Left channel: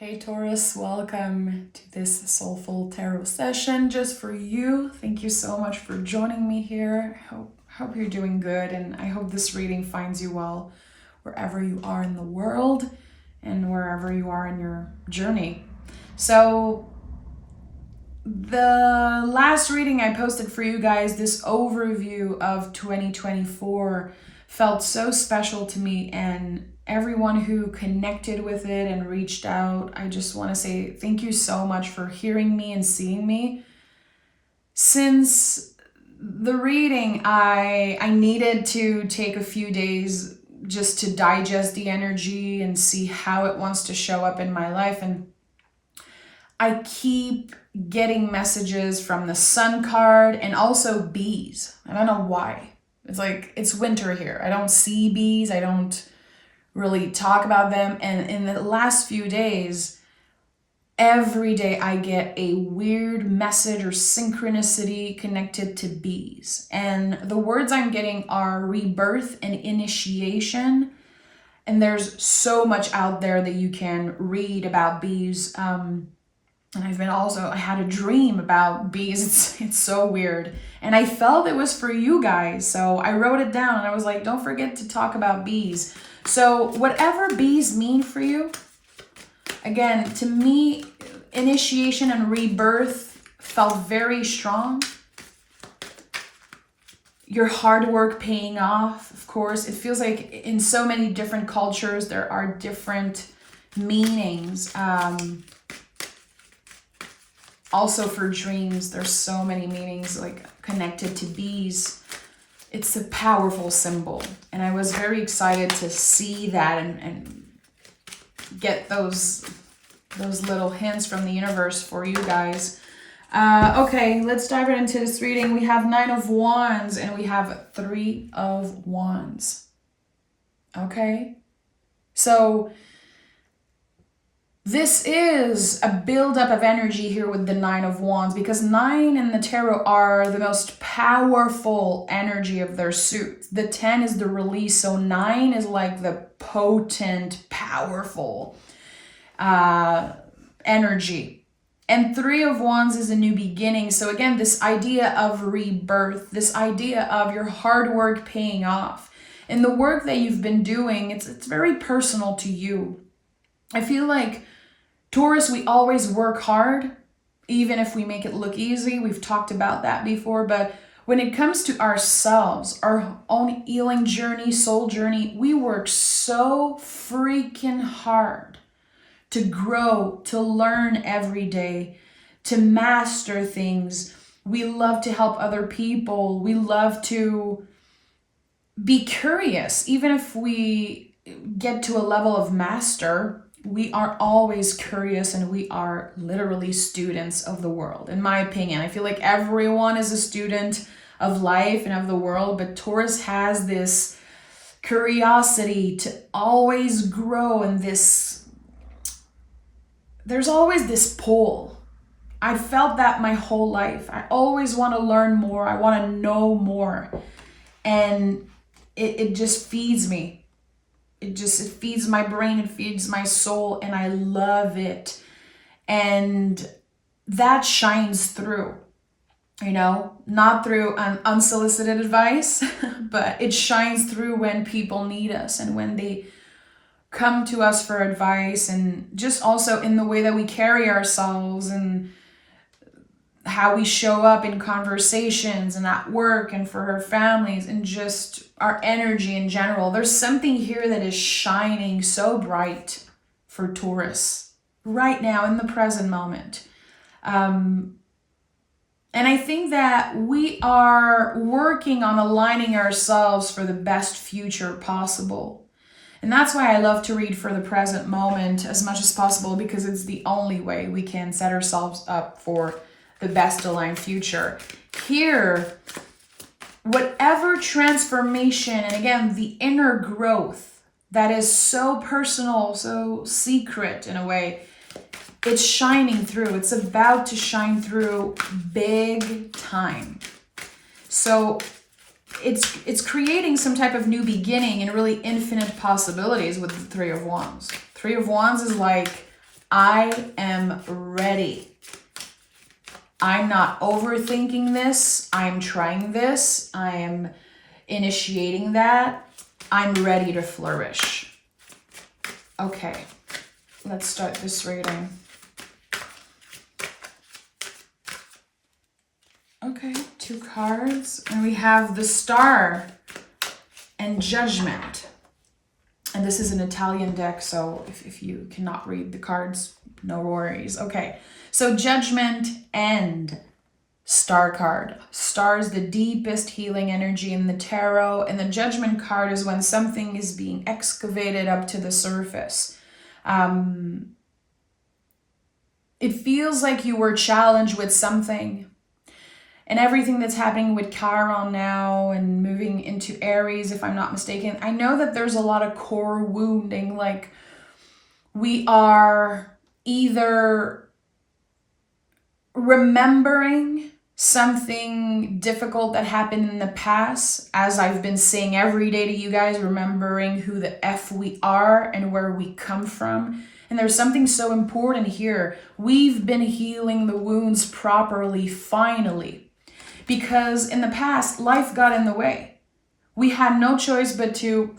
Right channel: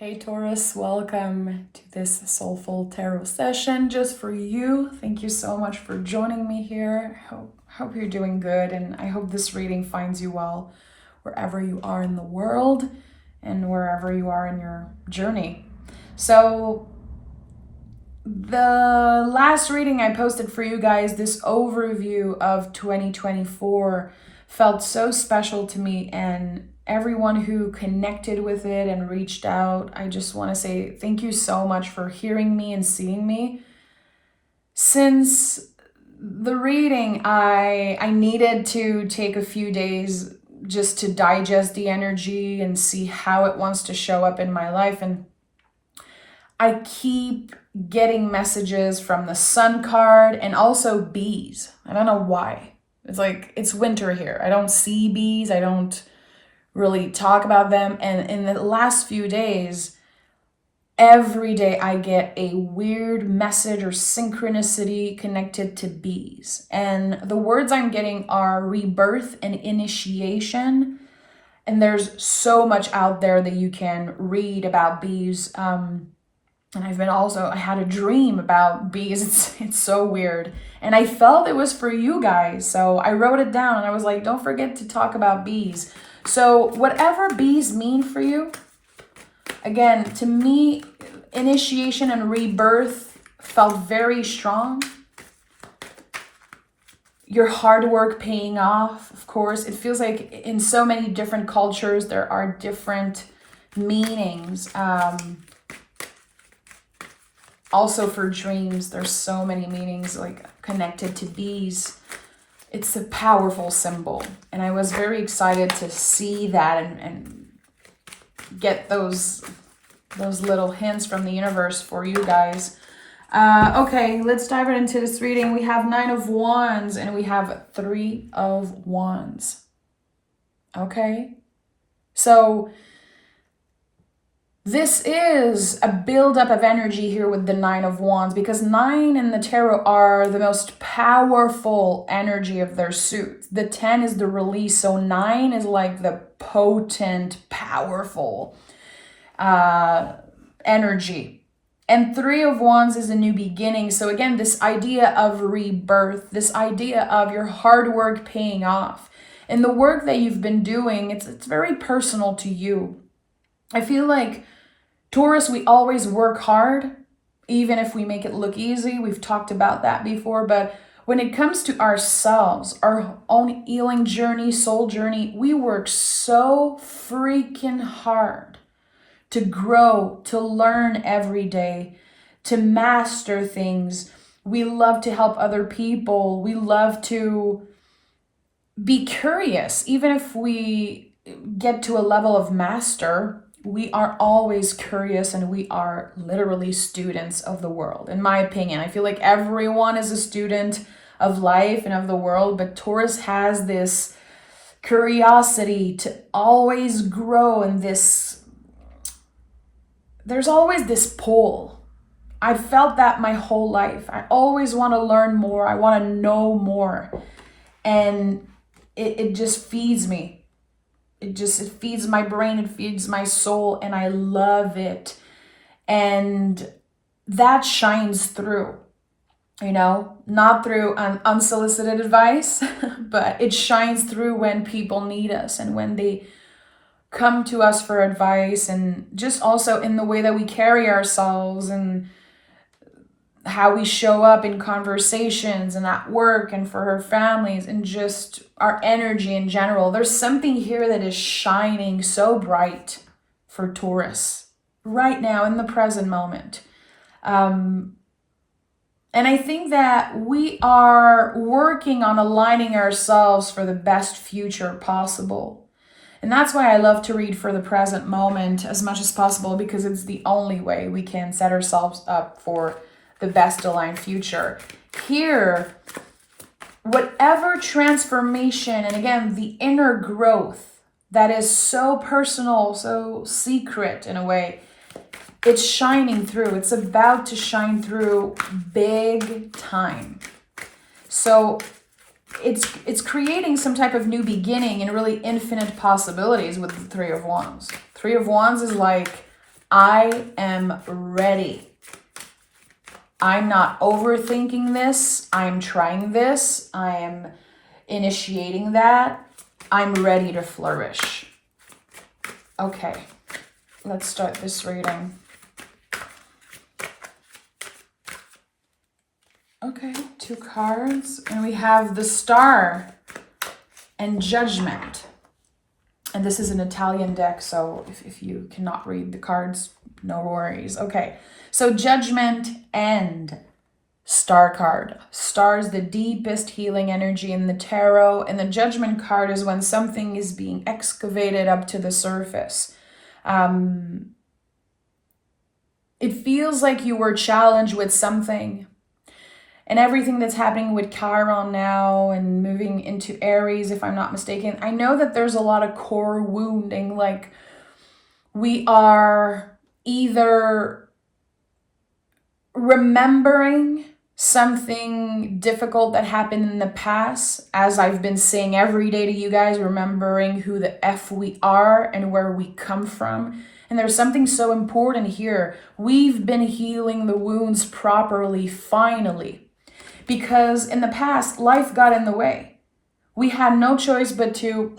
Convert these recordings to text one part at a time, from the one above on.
Hey Taurus, welcome to this soulful tarot session just for you. Thank you so much for joining me here. Hope you're doing good, and I hope this reading finds you well wherever you are in the world and wherever you are in your journey. So the last reading I posted for you guys, this overview of 2024, felt so special to me, and everyone who connected with it and reached out, I just want to say thank you so much for hearing me and seeing me. Since the reading, I needed to take a few days just to digest the energy and see how it wants to show up in my life. And I keep getting messages from the Sun card and also bees. I don't know why. It's like, it's winter here. I don't see bees. I don't really talk about them. And in the last few days, every day I get a weird message or synchronicity connected to bees. And the words I'm getting are rebirth and initiation. And there's so much out there that you can read about bees. And I had a dream about bees. It's so weird. And I felt it was for you guys. So I wrote it down and I was like, don't forget to talk about bees. So whatever bees mean for you, again, to me, initiation and rebirth felt very strong. Your hard work paying off, of course. It feels like in so many different cultures, there are different meanings. Also for dreams, there's so many meanings like connected to bees. It's a powerful symbol. And I was very excited to see that and get those little hints from the universe for you guys. Okay, let's dive right into this reading. We have 9 of Wands and we have 3 of Wands. Okay, so this is a buildup of energy here with the 9 of Wands, because 9 in the tarot are the most powerful energy of their suit. The 10 is the release, so 9 is like the potent, powerful energy. And 3 of Wands is a new beginning. So again, this idea of rebirth, this idea of your hard work paying off. And the work that you've been doing, it's very personal to you. I feel like Taurus, we always work hard, even if we make it look easy. We've talked about that before. But when it comes to ourselves, our own healing journey, soul journey, we work so freaking hard to grow, to learn every day, to master things. We love to help other people. We love to be curious. Even if we get to a level of master, we are always curious, and we are literally students of the world. In my opinion, I feel like everyone is a student of life and of the world, but Taurus has this curiosity to always grow, and there's always this pull. I felt that my whole life. I always want to learn more. I want to know more. And it just feeds me. It feeds my brain, it feeds my soul, and I love it. And that shines through, not through unsolicited advice, but it shines through when people need us and when they come to us for advice, and just also in the way that we carry ourselves and how we show up in conversations and at work and for our families, and just our energy in general. There's something here that is shining so bright for Taurus right now in the present moment. And I think that we are working on aligning ourselves for the best future possible. And that's why I love to read for the present moment as much as possible, because it's the only way we can set ourselves up for the best aligned future. Here, whatever transformation, and again, the inner growth that is so personal, so secret in a way, it's shining through. It's about to shine through big time. So it's creating some type of new beginning and really infinite possibilities with the 3 of Wands. 3 of Wands is like I am ready. I'm not overthinking this. I'm trying this. I am initiating that. I'm ready to flourish. Okay, let's start this reading. Okay, 2 cards. And we have the Star and Judgment. And this is an Italian deck, so if you cannot read the cards, no worries. Okay, so Judgment and Star card. Star is the deepest healing energy in the tarot, and the Judgment card is when something is being excavated up to the surface. It feels like you were challenged with something, and everything that's happening with Chiron now and moving into Aries, if I'm not mistaken, I know that there's a lot of core wounding. Like, we are either remembering something difficult that happened in the past, as I've been saying every day to you guys, remembering who the F we are and where we come from. And there's something so important here. We've been healing the wounds properly, finally. Because in the past, life got in the way. We had no choice but to,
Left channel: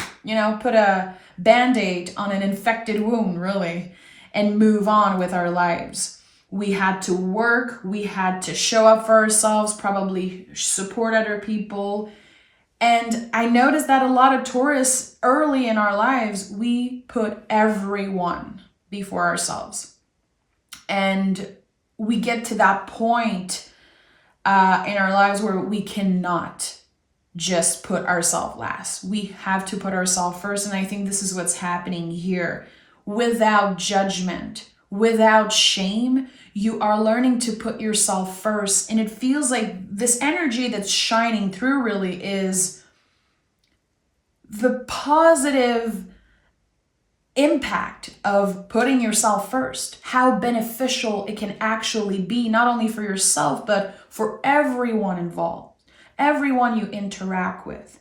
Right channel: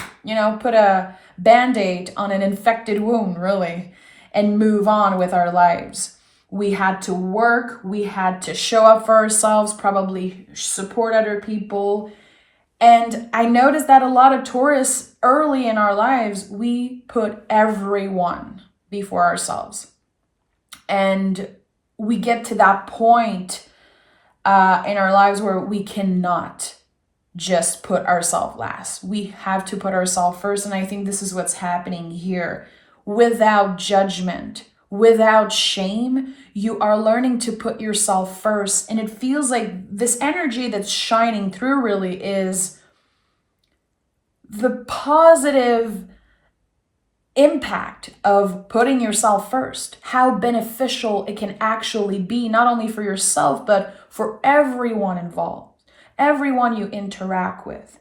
put a Band-Aid on an infected wound, really, and move on with our lives. We had to work, we had to show up for ourselves, probably support other people. And I noticed that a lot of Taurus early in our lives, we put everyone before ourselves. And we get to that point in our lives where we cannot just put ourselves last. We have to put ourselves first. And I think this is what's happening here. Without judgment, without shame, you are learning to put yourself first. And it feels like this energy that's shining through really is the positive impact of putting yourself first, how beneficial it can actually be, not only for yourself, but for everyone involved, everyone you interact with.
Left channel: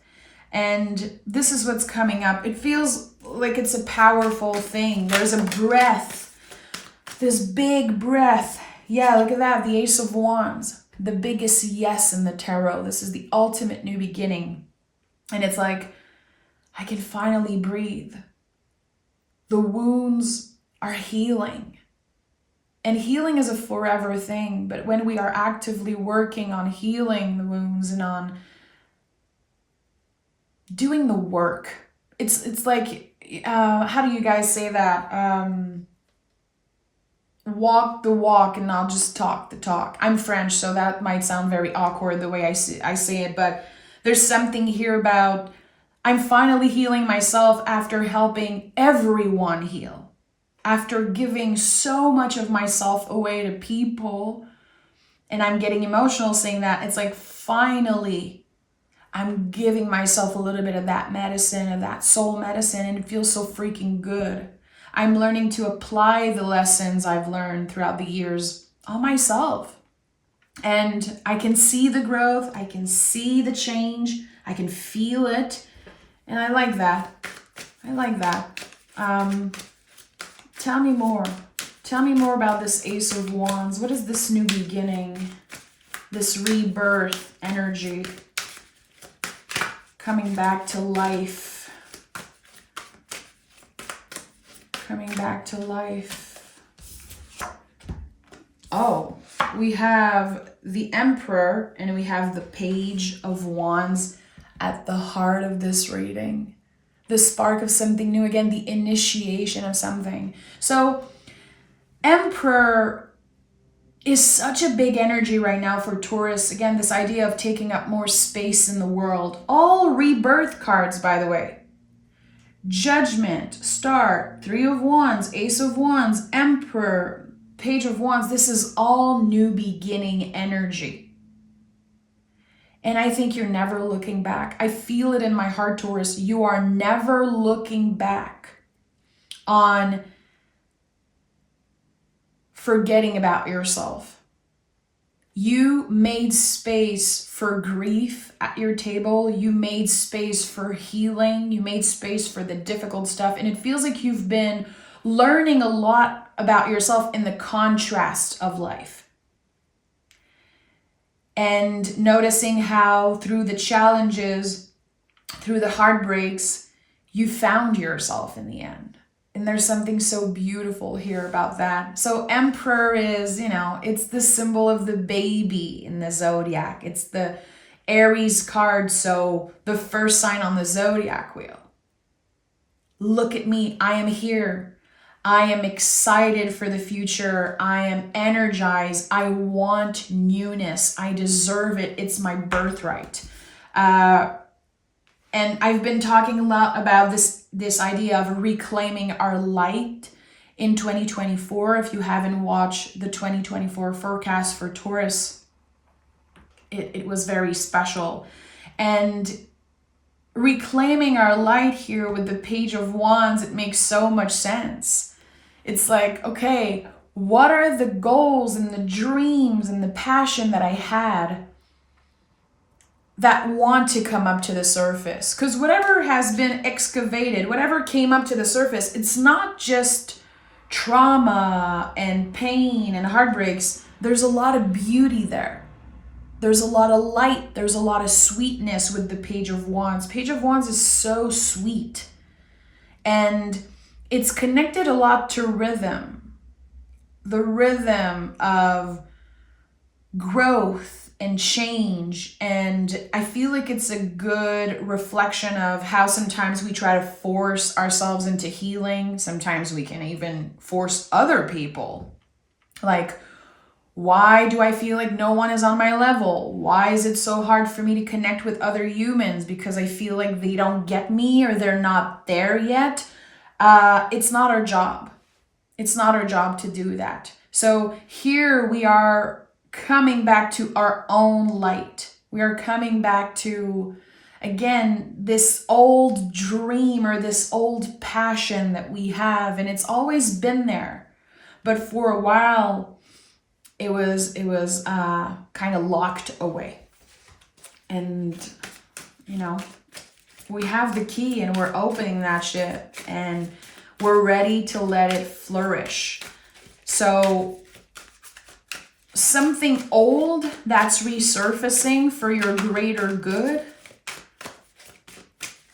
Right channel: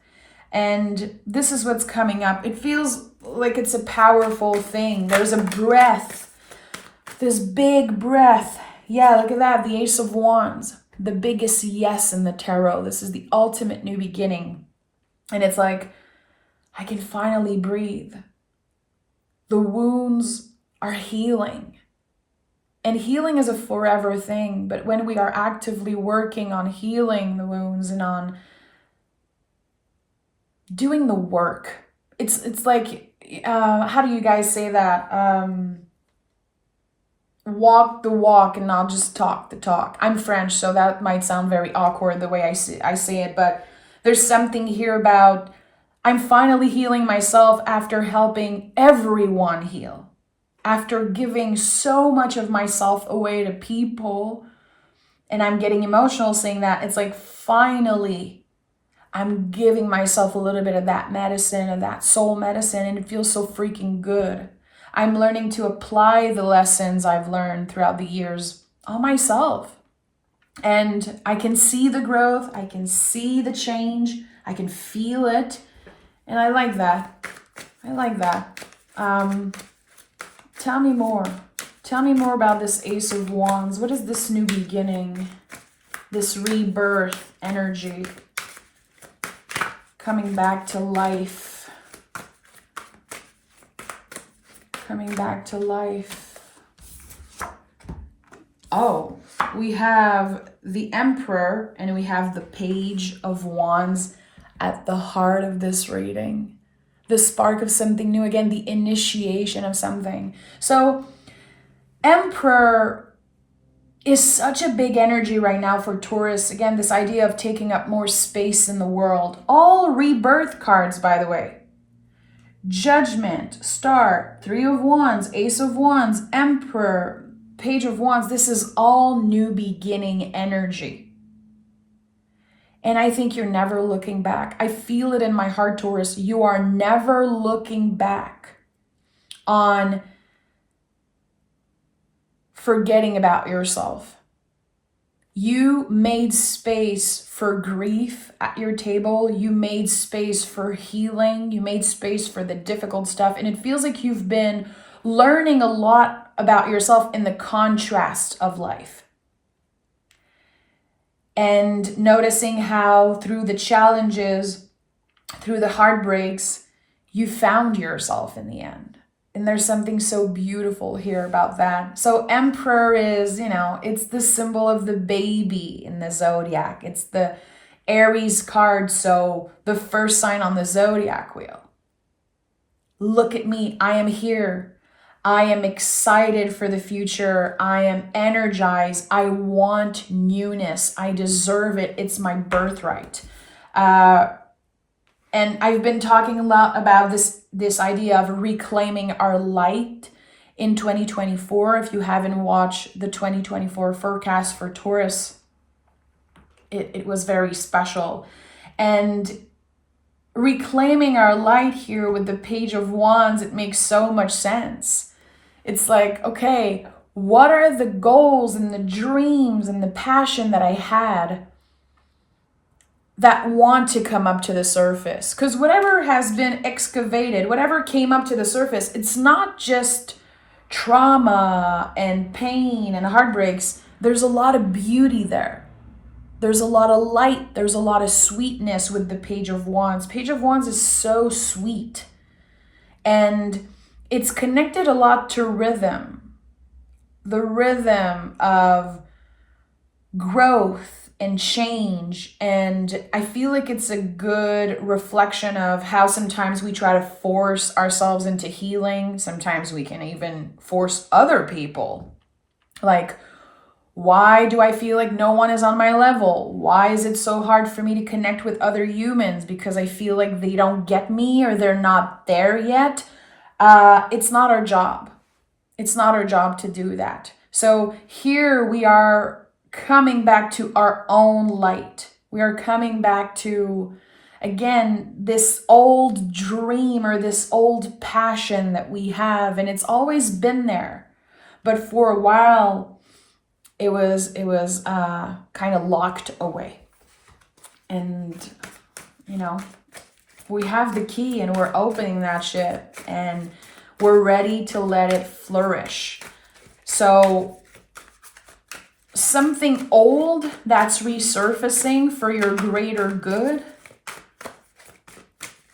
And this is what's coming up. It feels like it's a powerful thing. There's a breath, this big breath. Yeah, look at that, the Ace of Wands, the biggest yes in the tarot. This is the ultimate new beginning. And it's like, I can finally breathe. The wounds are healing. And healing is a forever thing, but when we are actively working on healing the wounds and on doing the work, it's like, how do you guys say that? Walk the walk and not just talk the talk. I'm French, so that might sound very awkward the way I say it, but there's something here about I'm finally healing myself after helping everyone heal. After giving so much of myself away to people, and I'm getting emotional saying that, it's like finally I'm giving myself a little bit of that medicine, of that soul medicine, and it feels so freaking good. I'm learning to apply the lessons I've learned throughout the years on myself. And I can see the growth, I can see the change, I can feel it, and I like that. I like that. Tell me more. Tell me more about this Ace of Wands. What is this new beginning? This rebirth energy. Coming back to life. Coming back to life. Oh, we have the Emperor and we have the Page of Wands at the heart of this reading. The spark of something new, again, the initiation of something. So Emperor is such a big energy right now for Taurus. Again, this idea of taking up more space in the world. All rebirth cards, by the way. Judgment, Star, 3 of Wands, Ace of Wands, Emperor, Page of Wands. This is all new beginning energy. And I think you're never looking back. I feel it in my heart, Taurus. You are never looking back on forgetting about yourself. You made space for grief at your table. You made space for healing. You made space for the difficult stuff. And it feels like you've been learning a lot about yourself in the contrast of life. And noticing how through the challenges, through the heartbreaks, you found yourself in the end. And there's something so beautiful here about that. So Emperor is, it's the symbol of the baby in the zodiac. It's the Aries card, so the first sign on the zodiac wheel. Look at me, I am here. I am excited for the future. I am energized. I want newness. I deserve it. It's my birthright. And I've been talking a lot about this idea of reclaiming our light in 2024. If you haven't watched the 2024 forecast for Taurus, it was very special. And reclaiming our light here with the Page of Wands, it makes so much sense. It's like, okay, what are the goals and the dreams and the passion that I had that want to come up to the surface? Because whatever has been excavated, whatever came up to the surface, it's not just trauma and pain and heartbreaks. There's a lot of beauty there. There's a lot of light. There's a lot of sweetness with the Page of Wands. Page of Wands is so sweet. And it's connected a lot to rhythm. The rhythm of growth and change. And I feel like it's a good reflection of how sometimes we try to force ourselves into healing. Sometimes we can even force other people. Like, why do I feel like no one is on my level? Why is it so hard for me to connect with other humans? Because I feel like they don't get me or they're not there yet. It's not our job. It's not our job to do that. So here we are coming back to our own light. We are coming back to, again, this old dream or this old passion that we have. And it's always been there. But for a while, it was kind of locked away. And, we have the key and we're opening that shit and we're ready to let it flourish. So something old that's resurfacing for your greater good.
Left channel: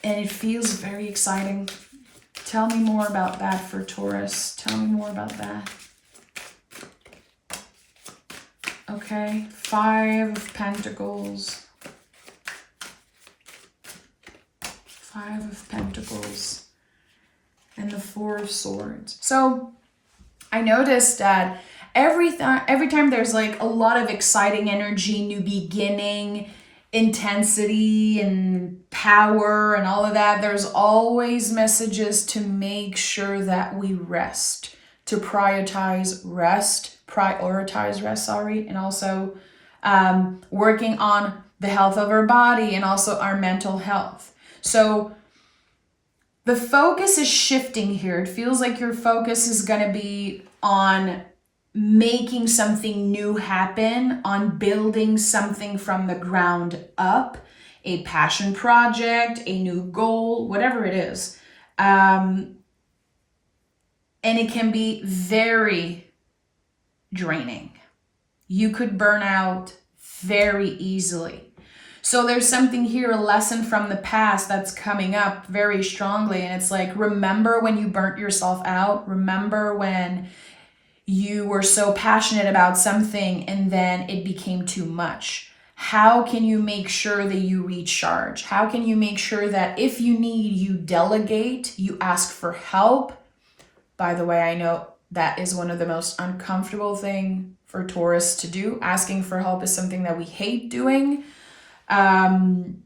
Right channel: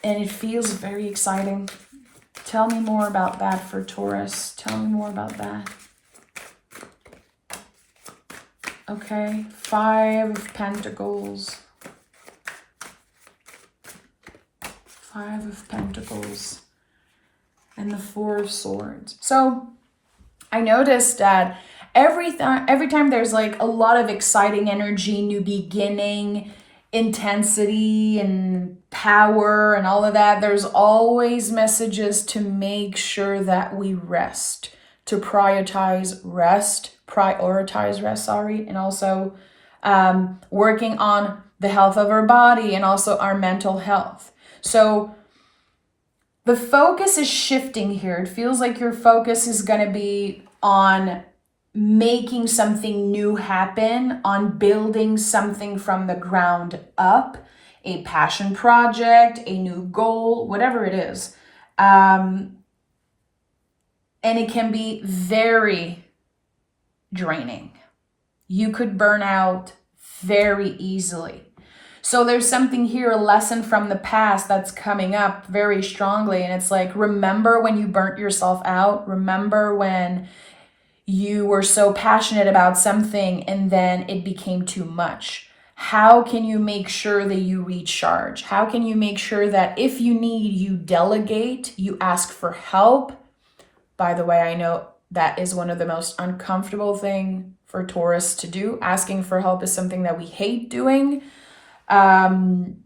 And it feels very exciting. Tell me more about that for Taurus. Tell me more about that. Okay, 5 of Pentacles. 5 of Pentacles. And the 4 of Swords. So I noticed that every time there's like a lot of exciting energy, new beginning, intensity and power and all of that, there's always messages to make sure that we rest, to prioritize rest, and also working on the health of our body and also our mental health. So the focus is shifting here. It feels like your focus is going to be on making something new happen, on building something from the ground up, a passion project, a new goal, whatever it is. And it can be very draining. You could burn out very easily. So there's something here, a lesson from the past that's coming up very strongly. And it's like, remember when you burnt yourself out? Remember when you were so passionate about something and then it became too much? How can you make sure that you recharge? How can you make sure that if you need, you delegate, you ask for help? By the way, I know that is one of the most uncomfortable things for Taurus to do. Asking for help is something that we hate doing. And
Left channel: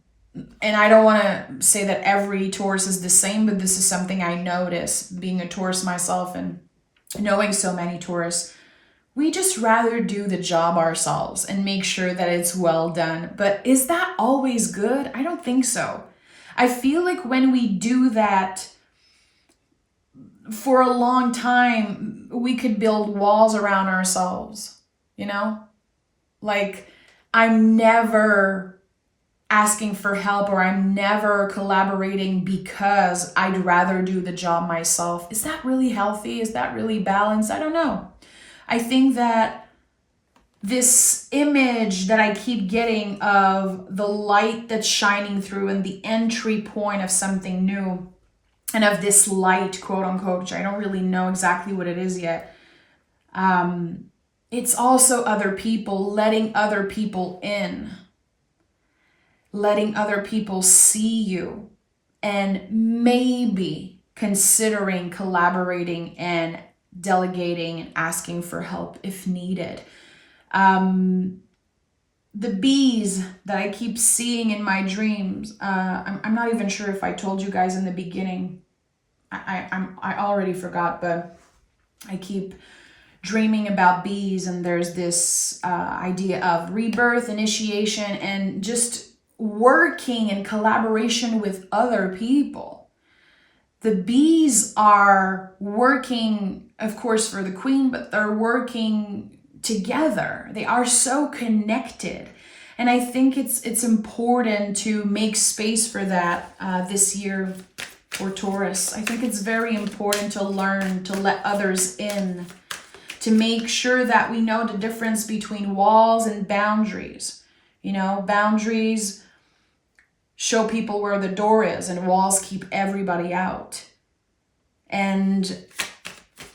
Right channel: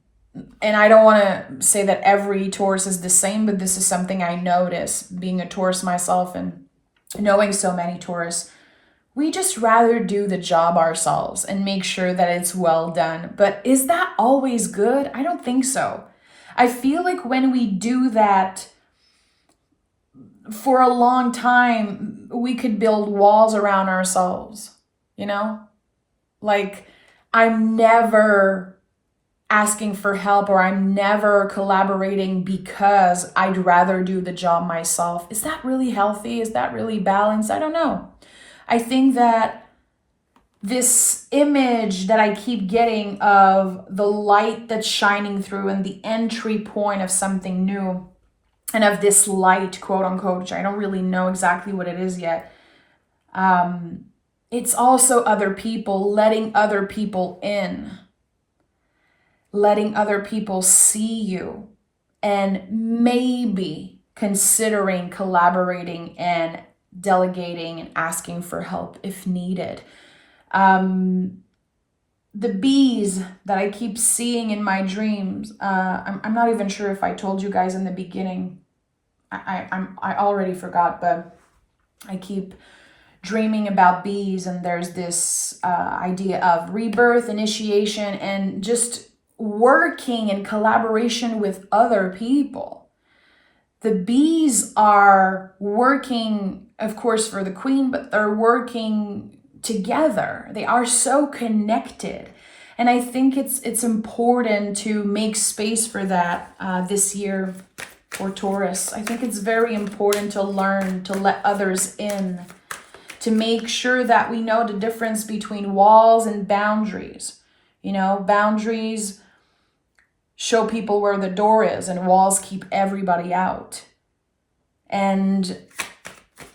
I don't want to say that every Taurus is the same, but this is something I notice being a Taurus myself and knowing so many Taurus. We just rather do the job ourselves and make sure that it's well done. But is that always good? I don't think so. I feel like when we do that for a long time, we could build walls around ourselves, Like, I'm never asking for help, or I'm never collaborating because I'd rather do the job myself. Is that really healthy? Is that really balanced? I don't know. I think that this image that I keep getting of the light that's shining through and the entry point of something new, and of this light, quote unquote, which I don't really know exactly what it is yet. It's also other people, letting other people in, letting other people see you, and maybe considering collaborating and delegating and asking for help if needed. The bees that I keep seeing in my dreams, I'm not even sure if I told you guys in the beginning. I already forgot, but I keep dreaming about bees, and there's this idea of rebirth, initiation, and just working in collaboration with other people. The bees are working, of course, for the queen, but they're working together. They are so connected. And I think it's important to make space for that this year for Taurus. I think it's very important to learn to let others in, to make sure that we know the difference between walls and boundaries. You know, boundaries show people where the door is, and walls keep everybody out. And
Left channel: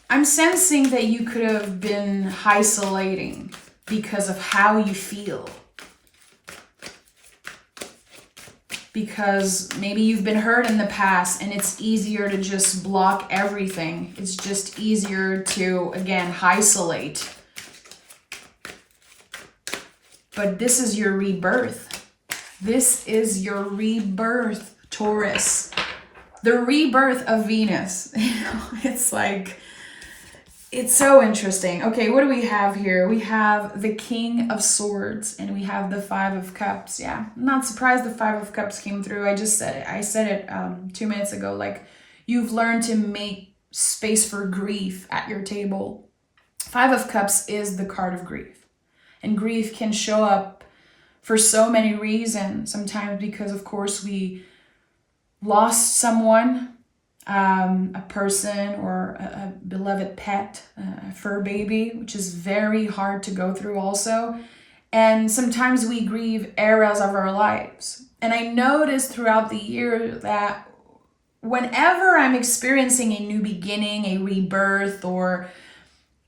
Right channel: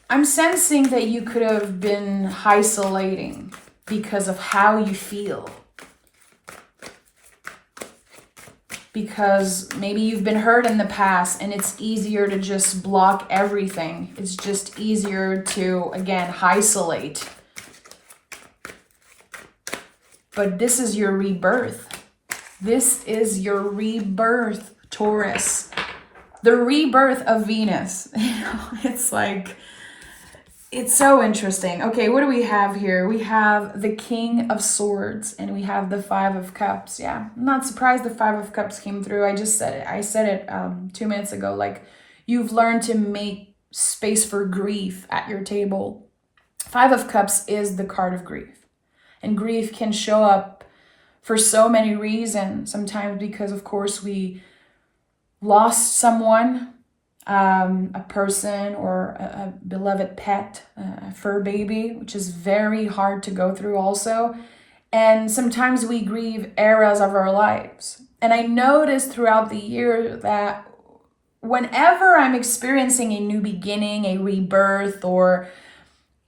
I'm sensing that you could have been isolating because of how you feel. Because maybe you've been hurt in the past, and it's easier to just block everything. It's just easier to, again, isolate. But this is your rebirth. This is your rebirth, Taurus. The rebirth of Venus. You know, it's like, it's so interesting. Okay, what do we have here? We have the King of Swords, and we have the Five of Cups. Yeah, I'm not surprised the Five of Cups came through. I just said it. I said it 2 minutes ago. Like, you've learned to make space for grief at your table. Five of Cups is the card of grief. And grief can show up for so many reasons. Sometimes because, of course, we lost someone, a person, or a beloved pet, a fur baby, which is very hard to go through also. And sometimes we grieve eras of our lives. And I noticed throughout the year that whenever I'm experiencing a new beginning, a rebirth, or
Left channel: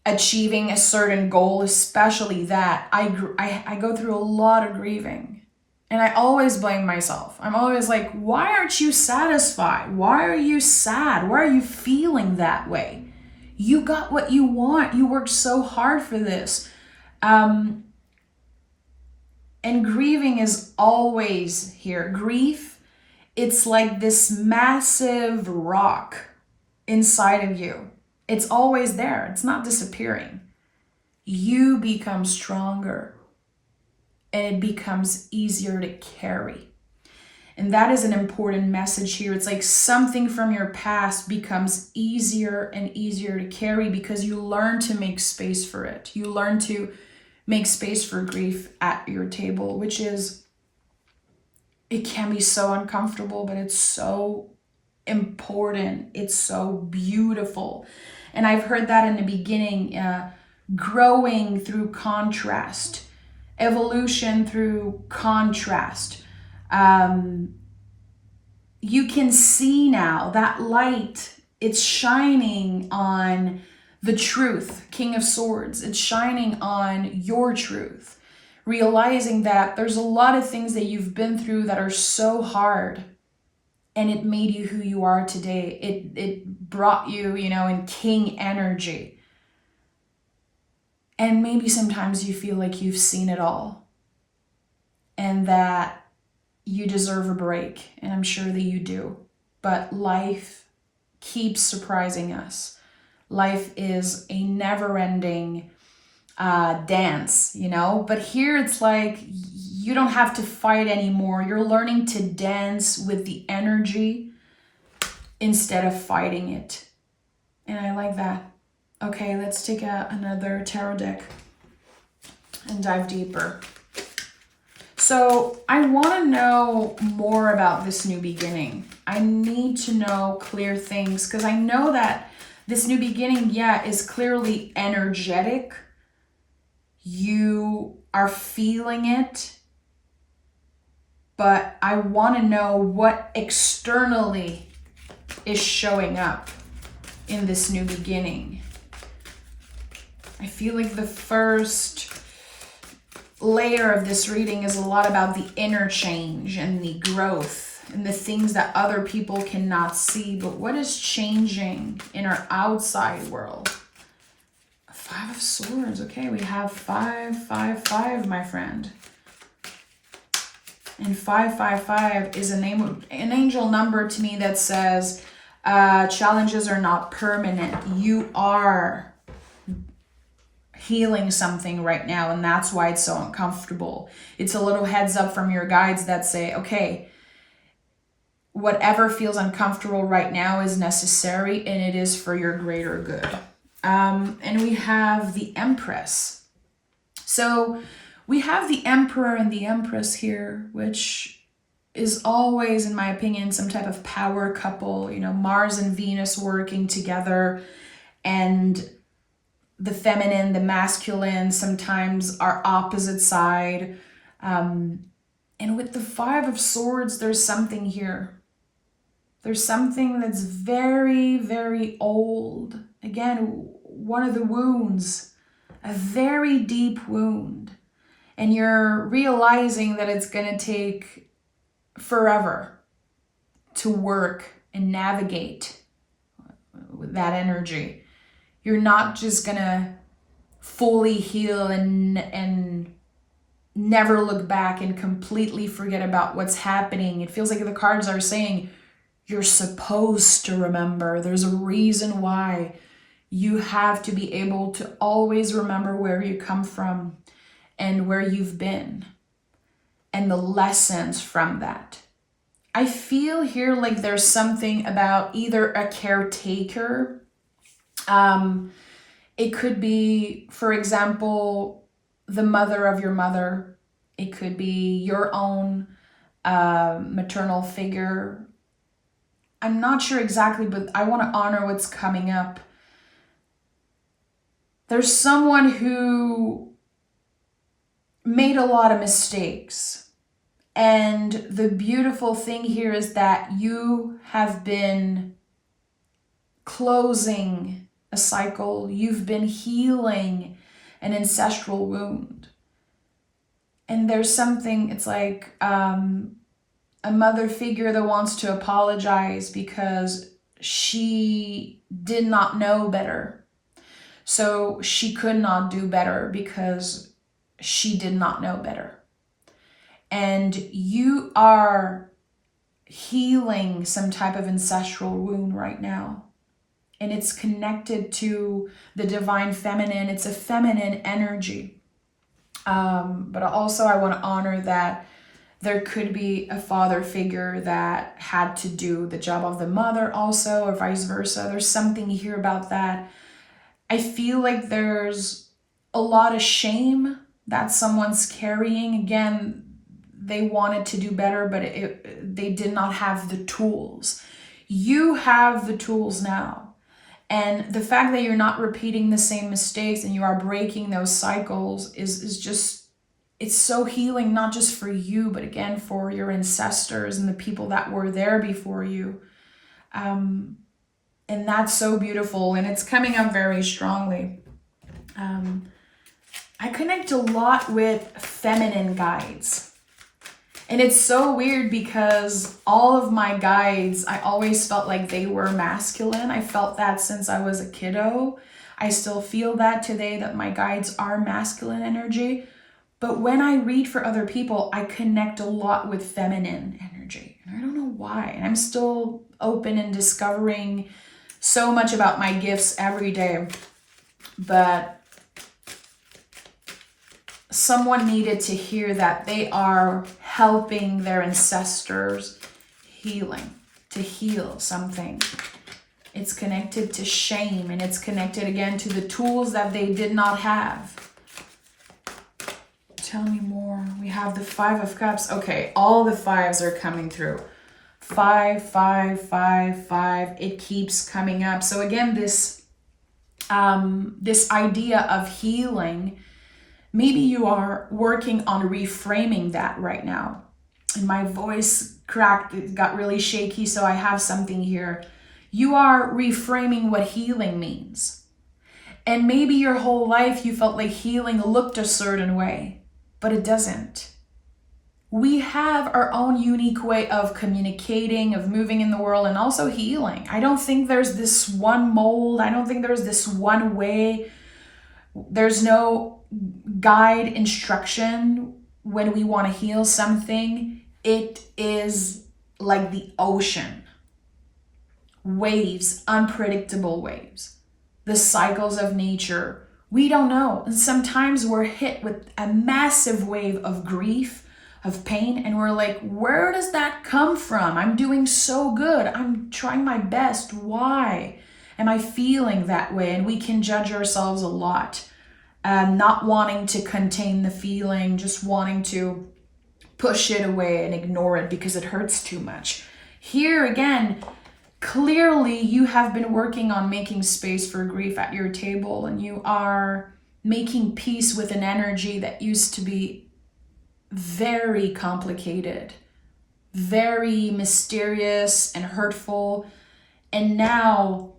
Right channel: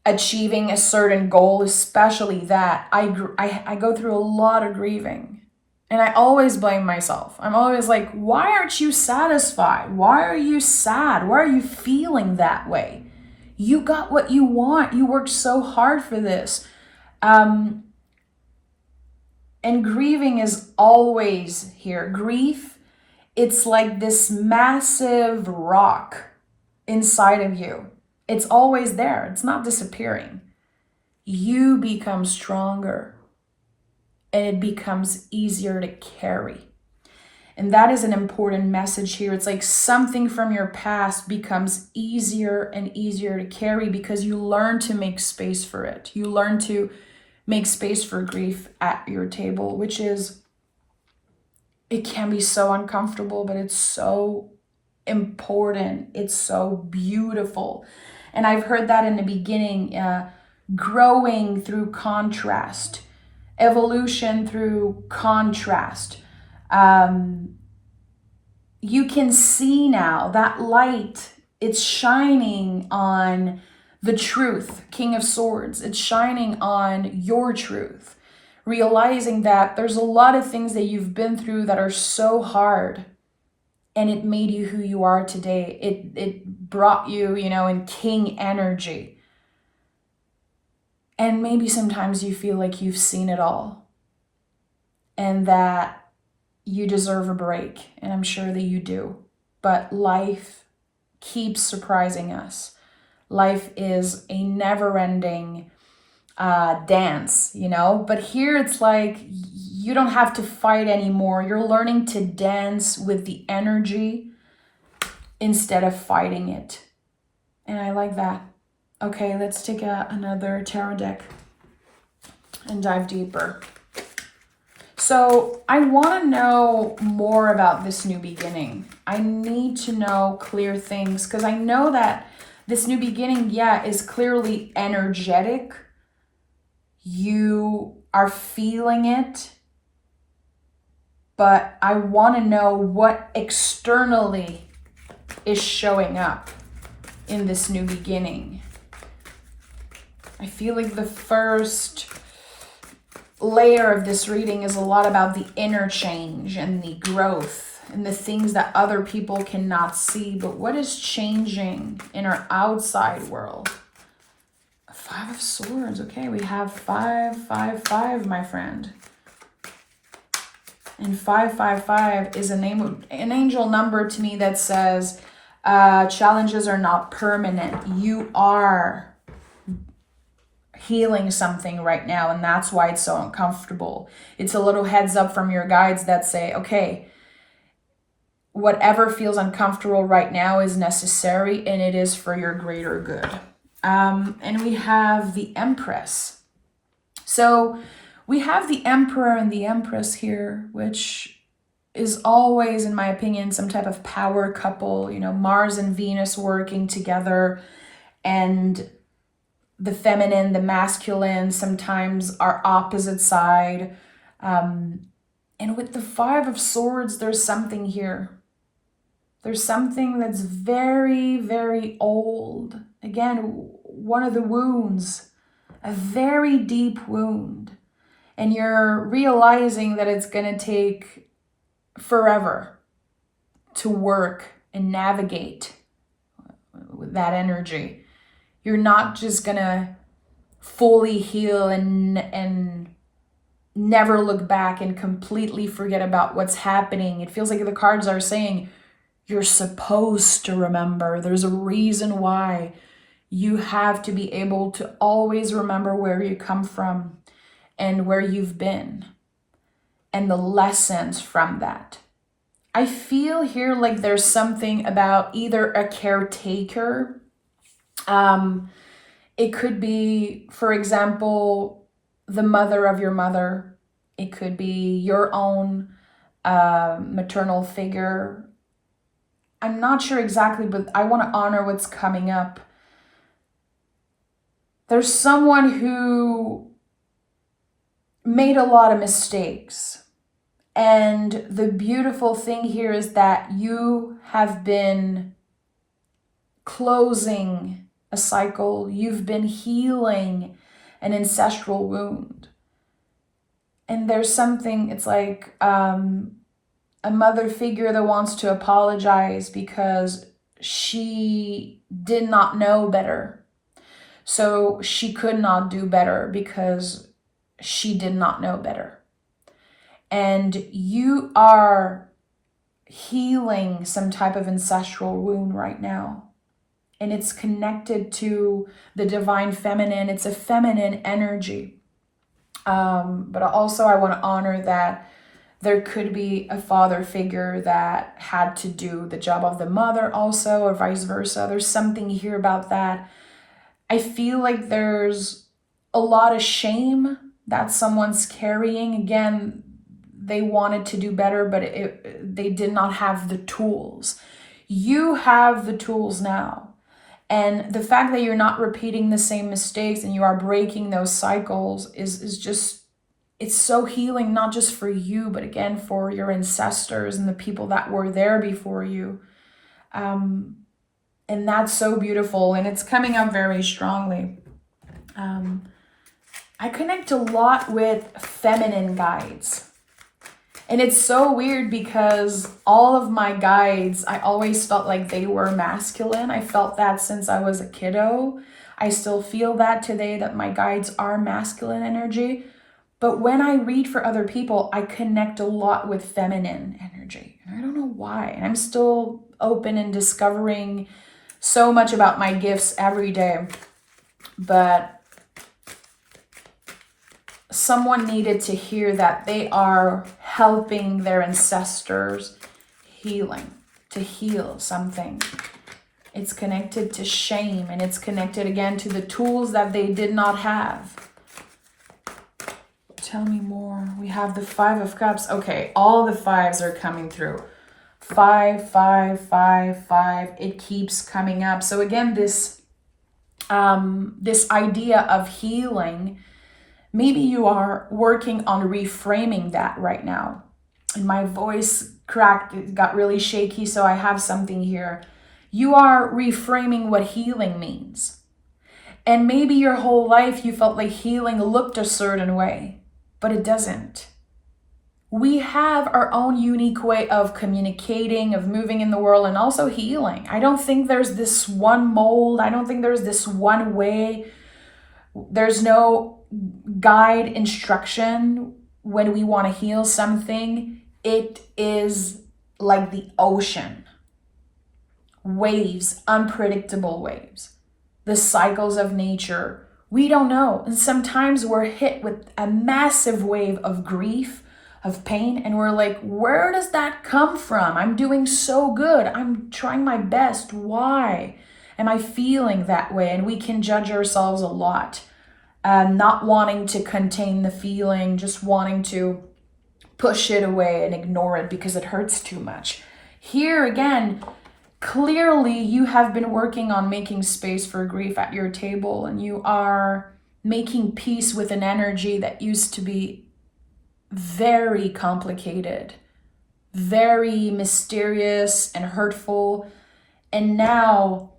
achieving a certain goal, especially that, I go through a lot of grieving. And I always blame myself. I'm always like, why aren't you satisfied? Why are you sad? Why are you feeling that way? You got what you want. You worked so hard for this. And grieving is always here. Grief, it's like this massive rock inside of you. It's always there. It's not disappearing. You become stronger, and it becomes easier to carry. And that is an important message here. It's like something from your past becomes easier and easier to carry because you learn to make space for it. You learn to make space for grief at your table, which is, it can be so uncomfortable, but it's so important. It's so beautiful. And I've heard that in the beginning, growing through contrast, evolution through contrast. You can see now that light, it's shining on the truth, King of Swords. It's shining on your truth, realizing that there's a lot of things that you've been through that are so hard, and it made you who you are today. It brought you, in king energy. And maybe sometimes you feel like you've seen it all and that you deserve a break. And I'm sure that you do. But life keeps surprising us. Life is a never-ending dance, But here it's like you don't have to fight anymore. You're learning to dance with the energy instead of fighting it. And I like that. Okay, let's take another tarot deck and dive deeper. So I want to know more about this new beginning. I need to know clear things because I know that this new beginning, yeah, is clearly energetic. You are feeling it, but I want to know what externally is showing up in this new beginning. I feel like the first layer of this reading is a lot about the inner change and the growth and the things that other people cannot see. But what is changing in our outside world? 5 of Swords. Okay, we have 5, 5, 5, my friend. And 555 is an angel number to me that says challenges are not permanent. You are healing something right now, and that's why it's so uncomfortable. It's a little heads up from your guides that say, okay, whatever feels uncomfortable right now is necessary, and it is for your greater good. And we have the Empress. So we have the Emperor and the Empress here, which is always, in my opinion, some type of power couple, you know, Mars and Venus working together, and the feminine, the masculine sometimes are opposite side. And with the 5 of Swords, there's something here. There's something that's very, very old. Again, one of the wounds, a very deep wound. And you're realizing that it's going to take forever to work and navigate with that energy. You're not just going to fully heal and never look back and completely forget about what's happening. It feels like the cards are saying, you're supposed to remember. There's a reason why. You have to be able to always remember where you come from and where you've been and the lessons from that. I feel here like there's something about either a caretaker. It could be, for example, the mother of your mother. It could be your own maternal figure. I'm not sure exactly, but I want to honor what's coming up. There's someone who made a lot of mistakes. And the beautiful thing here is that you have been closing a cycle. You've been healing an ancestral wound. And there's something, it's like a mother figure that wants to apologize because she did not know better. So she could not do better because she did not know better. And you are healing some type of ancestral wound right now. And it's connected to the divine feminine. It's a feminine energy. But also I want to honor that there could be a father figure that had to do the job of the mother also, or vice versa. There's something here about that. I feel like there's a lot of shame that someone's carrying. Again, they wanted to do better, but they did not have the tools. You have the tools now. And the fact that you're not repeating the same mistakes and you are breaking those cycles is just, it's so healing, not just for you, but again, for your ancestors and the people that were there before you. And that's so beautiful. And it's coming up very strongly. I connect a lot with feminine guides. And it's so weird because all of my guides, I always felt like they were masculine. I felt that since I was a kiddo. I still feel that today, that my guides are masculine energy. But when I read for other people, I connect a lot with feminine energy. And I don't know why. And I'm still open and discovering so much about my gifts every day. But someone needed to hear that they are helping their ancestors healing, to heal something. It's connected to shame, and it's connected again to the tools that they did not have. Tell me more. We have the 5 of Cups. Okay, all the 5s are coming through. 5, 5, 5, 5. It keeps coming up. So again, this idea of healing, maybe you are working on reframing that right now. And my voice cracked, it got really shaky, so I have something here. You are reframing what healing means. And maybe your whole life you felt like healing looked a certain way, but it doesn't. We have our own unique way of communicating, of moving in the world, and also healing. I don't think there's this one mold. I don't think there's this one way. There's no guide instruction when we want to heal something. It is like the ocean. Waves, unpredictable waves. The cycles of nature. We don't know. And sometimes we're hit with a massive wave of grief, of pain, and we're like, where does that come from? I'm doing so good. I'm trying my best. Why am I feeling that way? And we can judge ourselves a lot. Not wanting to contain the feeling, just wanting to push it away and ignore it because it hurts too much. Here again, clearly you have been working on making space for grief at your table, and you are making peace with an energy that used to be very complicated, very mysterious and hurtful. And now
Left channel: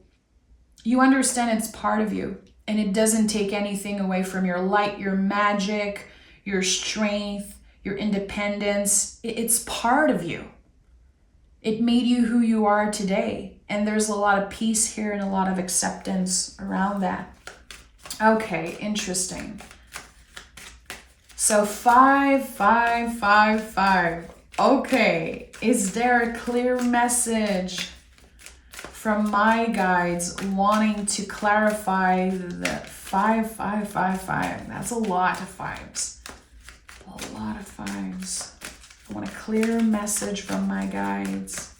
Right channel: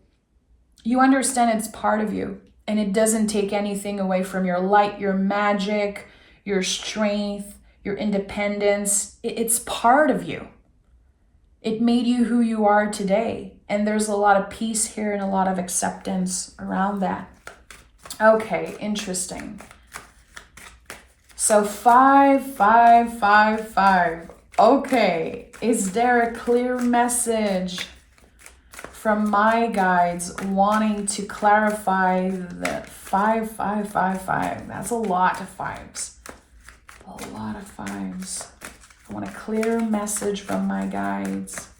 you understand it's part of you, and it doesn't take anything away from your light, your magic, your strength, your independence. It's part of you. It made you who you are today. And there's a lot of peace here and a lot of acceptance around that. Okay, interesting. So 5, 5, 5, 5. Okay, is there a clear message from my guides wanting to clarify that 5, 5, 5, 5? That's a lot of 5s. A lot of 5s. I want a clear message from my guides.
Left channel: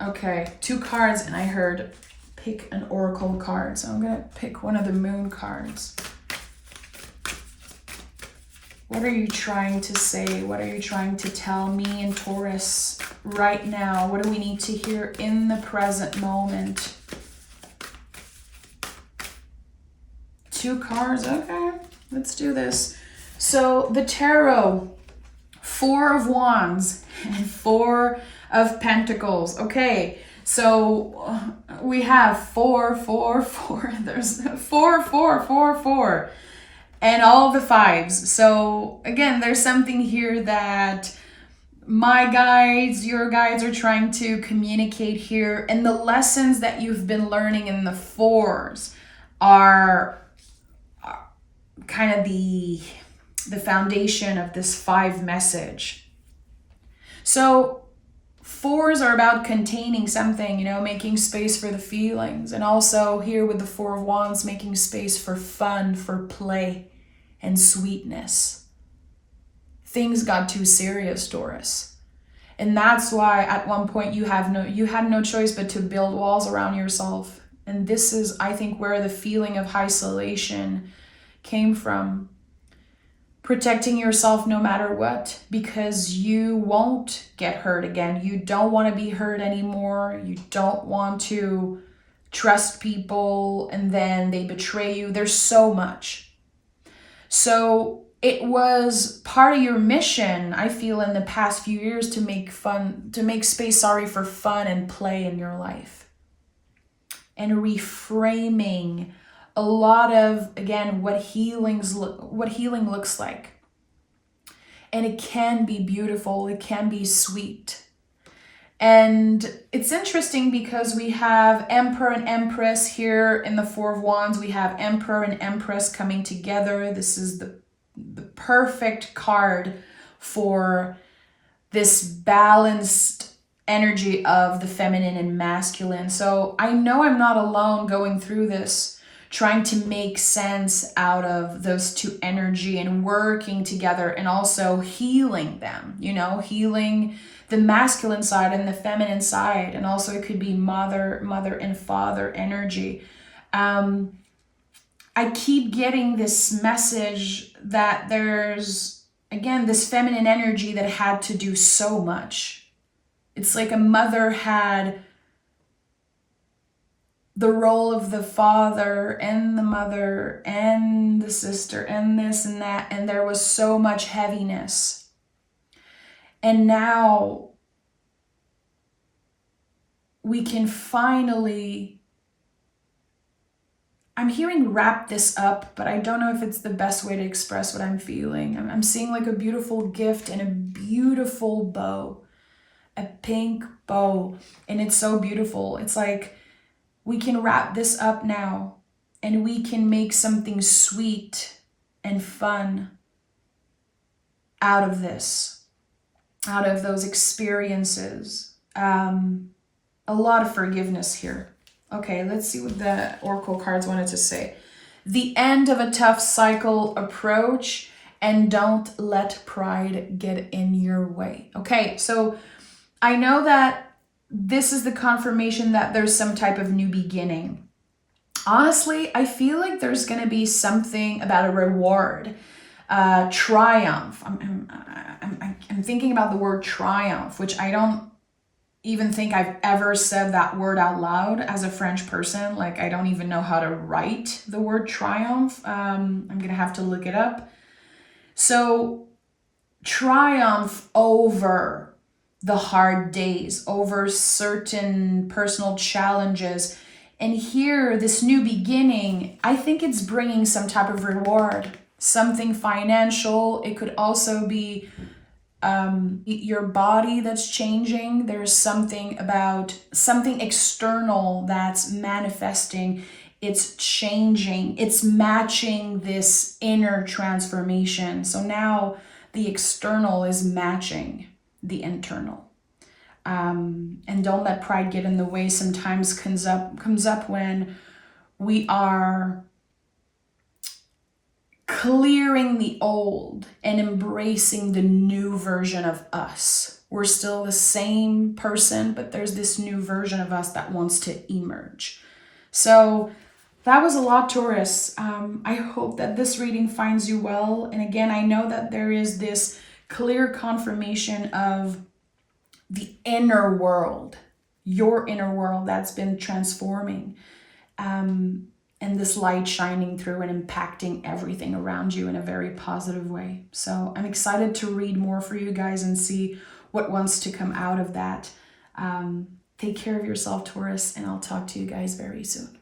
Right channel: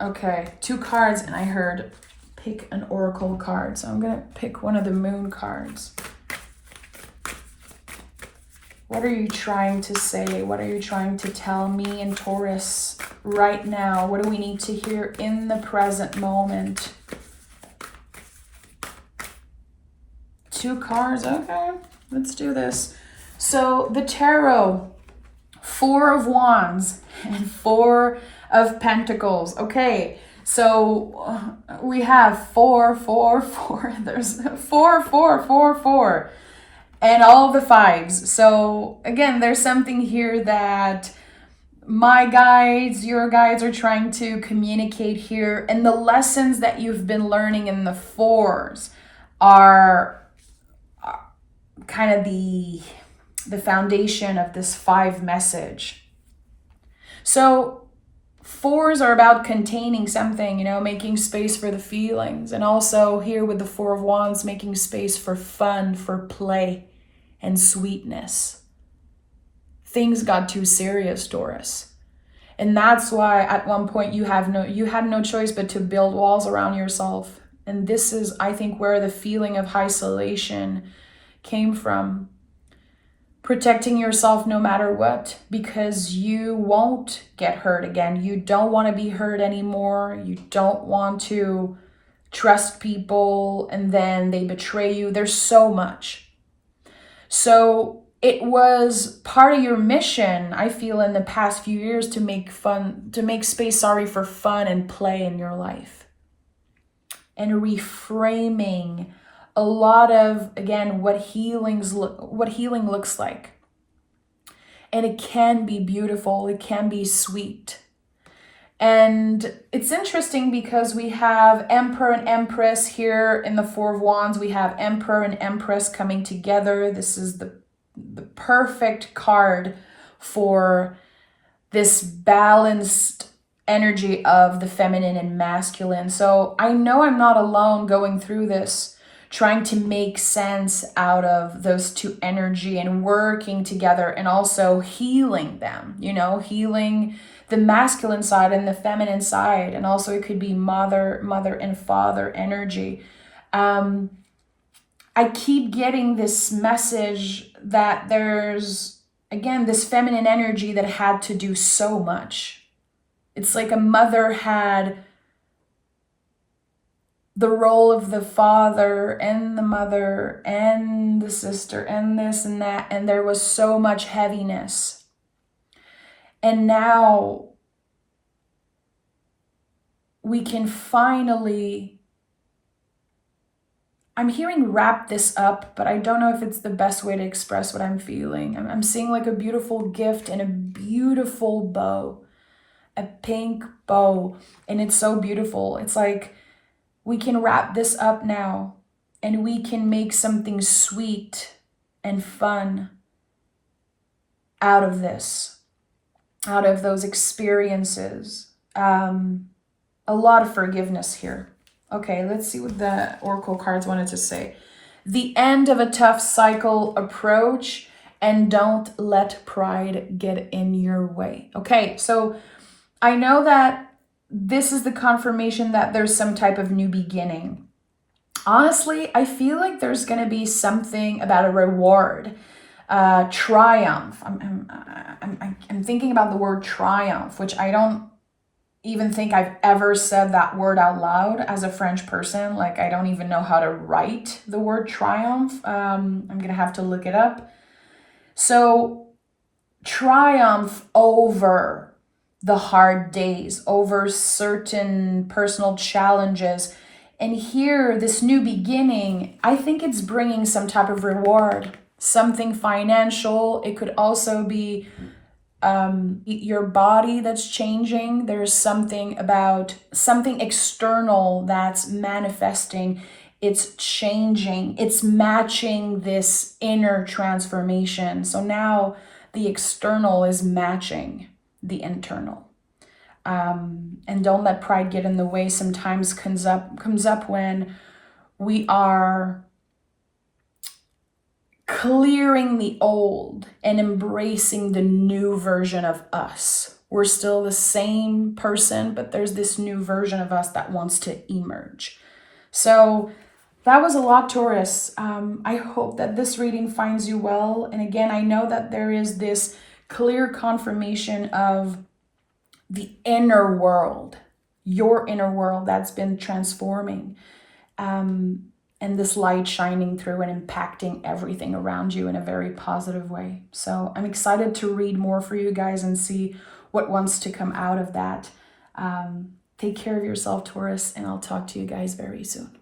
Okay, 2 cards, and I heard pick an oracle card. So I'm going to pick one of the moon cards. What are you trying to say? What are you trying to tell me in Taurus right now? What do we need to hear in the present moment? 2 cards, okay, let's do this. So the tarot, 4 of Wands and 4 of Pentacles. Okay, so we have 4, 4, 4. There's 4, 4, 4, 4. And all the 5s. So again, there's something here that my guides, your guides are trying to communicate here. And the lessons that you've been learning in the 4s are kind of the foundation of this 5 message. So 4s are about containing something, you know, making space for the feelings. And also here with the 4 of Wands, making space for fun, for play and sweetness. Things got too serious, Taurus. And that's why at one point you had no choice but to build walls around yourself. And this is, I think, where the feeling of isolation came from. Protecting yourself no matter what, because you won't get hurt again. You don't want to be hurt anymore. You don't want to trust people and then they betray you. There's so much. So it was part of your mission, I feel, in the past few years to make space, for fun and play in your life. And reframing a lot of, again, what healing looks like. And it can be beautiful, it can be sweet. And it's interesting because we have Emperor and Empress here in the 4 of Wands. We have Emperor and Empress coming together. This is the perfect card for this balanced energy of the feminine and masculine. So I know I'm not alone going through this, trying to make sense out of those 2 energy and working together and also healing them, you know, healing the masculine side and the feminine side. And also it could be mother and father energy. I keep getting this message that there's, again, this feminine energy that had to do so much. It's like a mother had the role of the father and the mother and the sister and this and that, and there was so much heaviness. And now we can finally, I'm hearing wrap this up, but I don't know if it's the best way to express what I'm feeling. I'm seeing like a beautiful gift and a beautiful bow, a pink bow, and it's so beautiful. It's like we can wrap this up now and we can make something sweet and fun out of this, out of those experiences. A lot of forgiveness here. Okay, let's see what the Oracle cards wanted to say. The end of a tough cycle approach, and don't let pride get in your way. Okay, so I know that this is the confirmation that there's some type of new beginning. Honestly, I feel like there's going to be something about a reward, triumph. I'm thinking about the word triumph, which I don't even think I've ever said that word out loud as a French person. Like, I don't even know how to write the word triumph. I'm going to have to look it up. So, triumph over the hard days, over certain personal challenges. And here, this new beginning, I think it's bringing some type of reward, something financial. It could also be your body that's changing. There's something about something external that's manifesting. It's changing. It's matching this inner transformation. So now the external is matching the internal. And don't let pride get in the way. Sometimes comes up when we are clearing the old and embracing the new version of us. We're still the same person, but there's this new version of us that wants to emerge. So that was a lot, Taurus. I hope that this reading finds you well. And again, I know that there is this clear confirmation of the inner world, your inner world that's been transforming. And this light shining through and impacting everything around you in a very positive way. So I'm excited to read more for you guys and see what wants to come out of that. Take care of yourself, Taurus, and I'll talk to you guys very soon.